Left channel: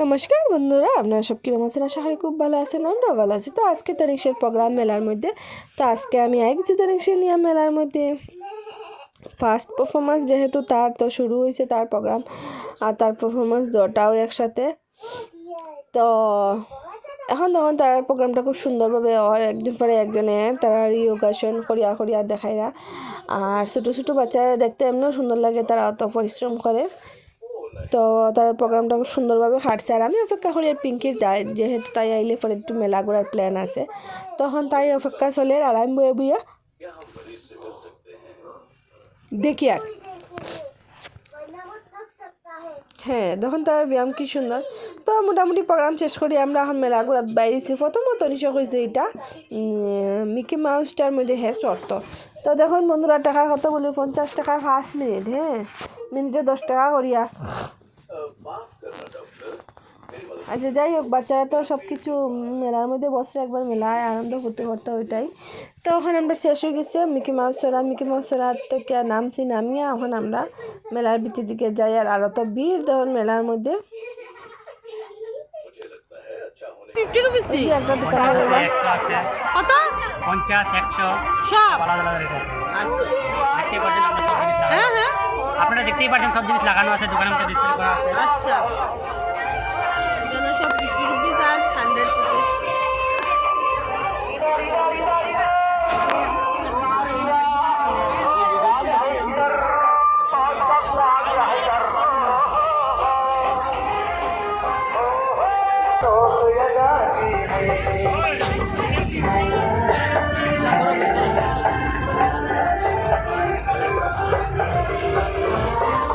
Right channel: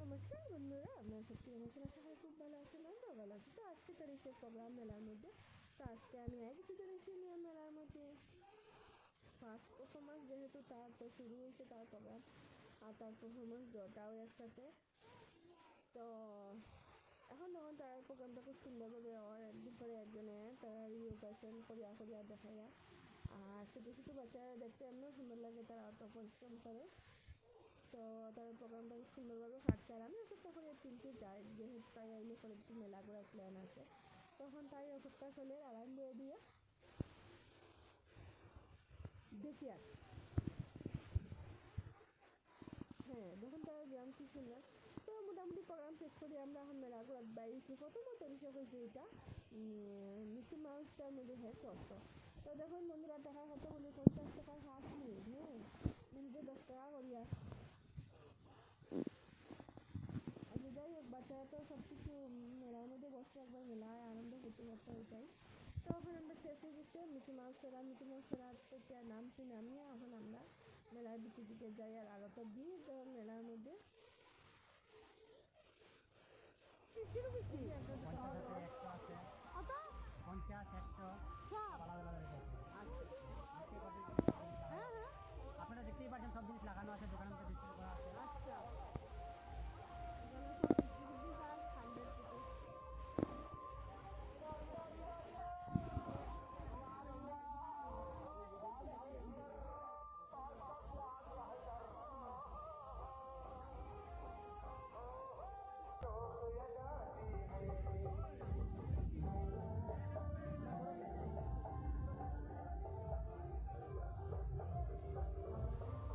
নমস্কার বন্ধুরা, আপনারা সব কিরকম আছেন? আশা করি খুব ভালো আছেন, আমরাও ভালো আছি। তো আজকে তারিখের প্রোগ্রাম মেলার মধ্যে। তো আজকে আমি আইছি তারিখে নিয়ে মেলার মধ্যে ফার্স্ট পারফরমেন্স, যেহেতু তার তো শুরু হয়েছে তার প্রোগ্রাম, আর তার পারফরমেন্স দুটাও একসাথে। তো এখন তখন তার প্রোগ্রামটা খুব সুন্দরভাবে একজন পরে একজনে তারা রিয়োগাসন করিয়া করিয়া দেখাইরা। আর ছোটো ছোটো বাচ্চারা দেখতে এমনিও সুন্দর লাগে, তারা অত পরিশ্রম করে। তো তার প্রোগ্রামটা খুব সুন্দরভাবে কাটছে। আর আমি অপেক্ষা করি আর পিঙ্কির যেহেতু তাই আইলে পরে একটু মেলা ঘোরার প্ল্যান আছে, তখন তাই অপেক্ষা চলে। আর আমি বয়ে বইয়া দেখি আর হ্যাঁ, তখন তার ব্যায়াম কি সুন্দর। তো মোটামুটি প্রোগ্রাম শেষ করি আমরা এখন মেলা ঘোরাত বাইরেছি। প্রথমত নিশ্চয় হয়েছে এটা মিকি মাউসটার মধ্যে শর্ত। তো দেখুন বন্ধুরা, টাকার কথা বলি 50 টাকা 5 মিনিট, মিনিটে 10 টাকা করিয়া। আচ্ছা, যাই হোক, বাচ্চারা তো সব কিছু মেলার মধ্যে বসে একবার মেলায় আনন্দ করতে করতে ওইটাই। তো এখন আমরা শেষ হয়ে গেছে মিকি মাউস চড়া থেকে নামছি, নামিয়ে এখন আমরা মেলার ভিতর দিকে যাই। আর আরও তো ভিড় তখন মেলার মধ্যে। একটা দোকান আপনারা দেখতেই পাচ্ছেন সব জিনিস লাগানো আছে, দোকানের মধ্যে ডিসপ্লে করা আছে। আচ্ছা, এখানে সব 50 রুপিস আর 100 রুপিস।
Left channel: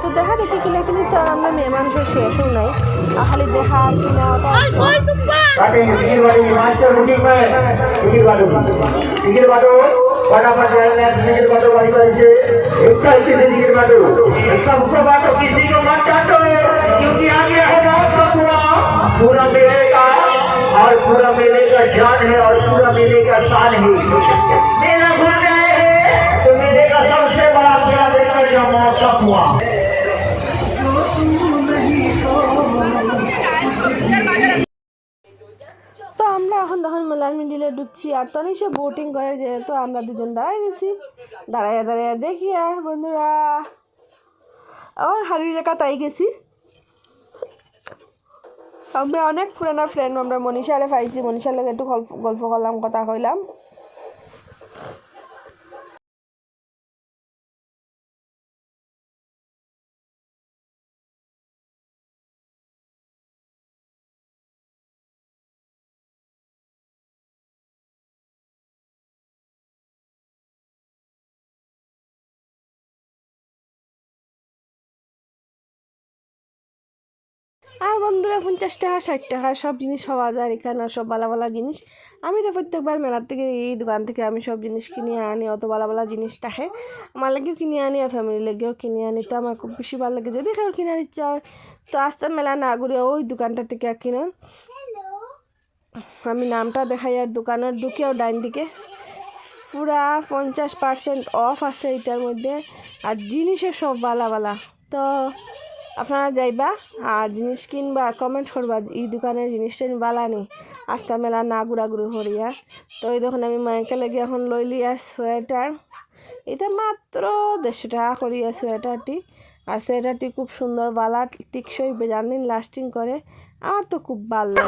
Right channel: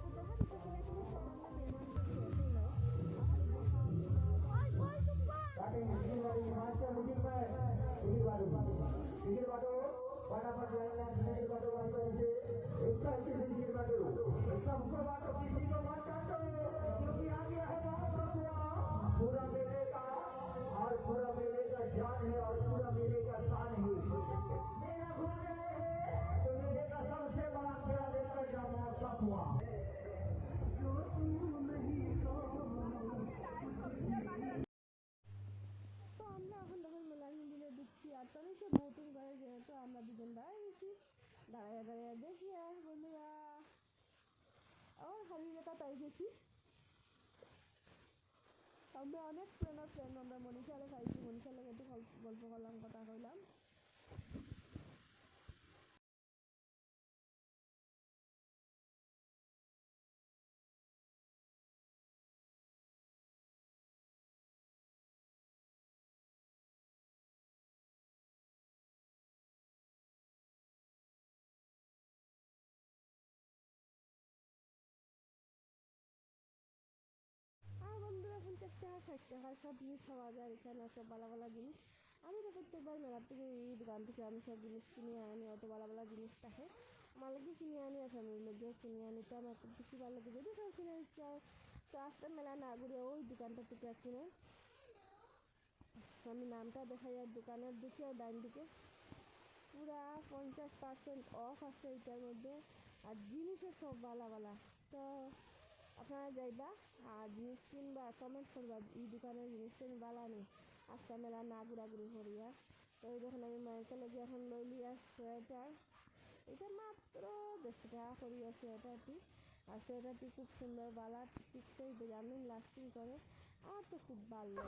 তো দেখা দেখি কিনা কিনি তো আর আমরা মেয়ে মানুষের শেষও নাই, খালি দেখা কিনা पूरा मेले का और पूरा मेले का जान है और पूरा मेले का शान है। मेला भूल गए हैं तो मेले का सबसे बड़ा मेला देखकर जो मौका हुआ। তো আমরা এখন তখন মেলার মিডিলে ঢুকছি। আর তনিশা বোটিং করে, যেহেতু আমরা দুজন দাঁড়াই গেছি, দাঁড়াইয়া দাঁড়াইয়া দেখি। আর বন্ধুরা আমার হারিয়ে রেখা তাই গেছি। আমরা অনেক পুরানা ফ্রেন্ড, আমরা মনীষারে পাইছি, মনীষার লোক একটু গল্প করলাম, কথা কইলাম। আর বন্ধুরা 50 টাকা 60 টাকা সব জিনিস পাওয়া যায় এখানে, সব ভালো ভালো জিনিস। আমি তো প্রত্যেকবার মেলার থেকে এই দোকান থেকে আমি সব জিনিস কিনে আনি, অত ভালো ভালো জিনিস থাকে আমার লাগেও কিনে আনি আর ফ্যামিলির লাগেও কিনে আনি। তো আমার খুব বেশি ভালো লাগে, যদি কেউ কেনার ইচ্ছা হয় তো আস্তে মেলা না ঘুরে ওই দোকানটা থেকে কিনে। আমি নামটা দেখাই। আর দোকানের ঢুকেও ডাইন দিকে পুরা 50% অফ আছে এটার মধ্যে। আর জিনিসও সব ভালো ভালো। তো আপনারা যাইবা আর জিনিস কিনবা, কমেন্ট করবা এই দোকানের জিনিসটা ভালো নেই, আস্তা মেলা না ঘুরাঘুরি করিয়া। তো এই দেখুন আমি মাইকে লেগে এখন লইলি আর সোয়েটার, এটা মাত্র 150 টাকা করিয়া সোয়েটারটি। আর সোয়েটারটি খুব সুন্দর, বালা টিকসই, বেজান দিন লাস্টিং করে। আমার তো খুব ভালো লাগে।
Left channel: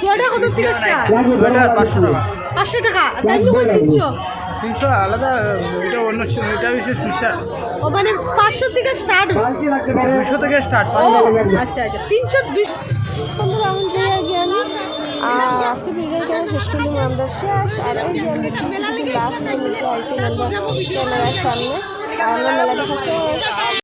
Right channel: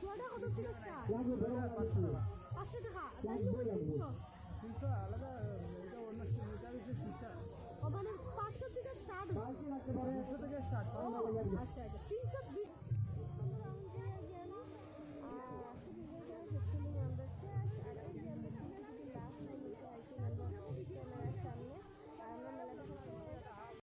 সোয়েটার কত থেকে স্টার্ট? সোয়েটার 500 টাকা। 500 টাকা, তাই লোক 300 300 আলাদা, এটা অন্য, এটা হচ্ছে সুইসার। ও মানে 500 থেকে স্টার্ট হচ্ছে, 200 থেকে স্টার্ট। আচ্ছা আচ্ছা, 300 200। বন্ধুরা এখন যাই আগে আমি আর আজকে ভিডিওটা শেষ করলাম আমরা শেষ। আর এই যে আমরা লাস্ট মিনিটে আইসি আমরা ক্যামেরার সামনে, আর আমরা মেলা দেখা শেষ।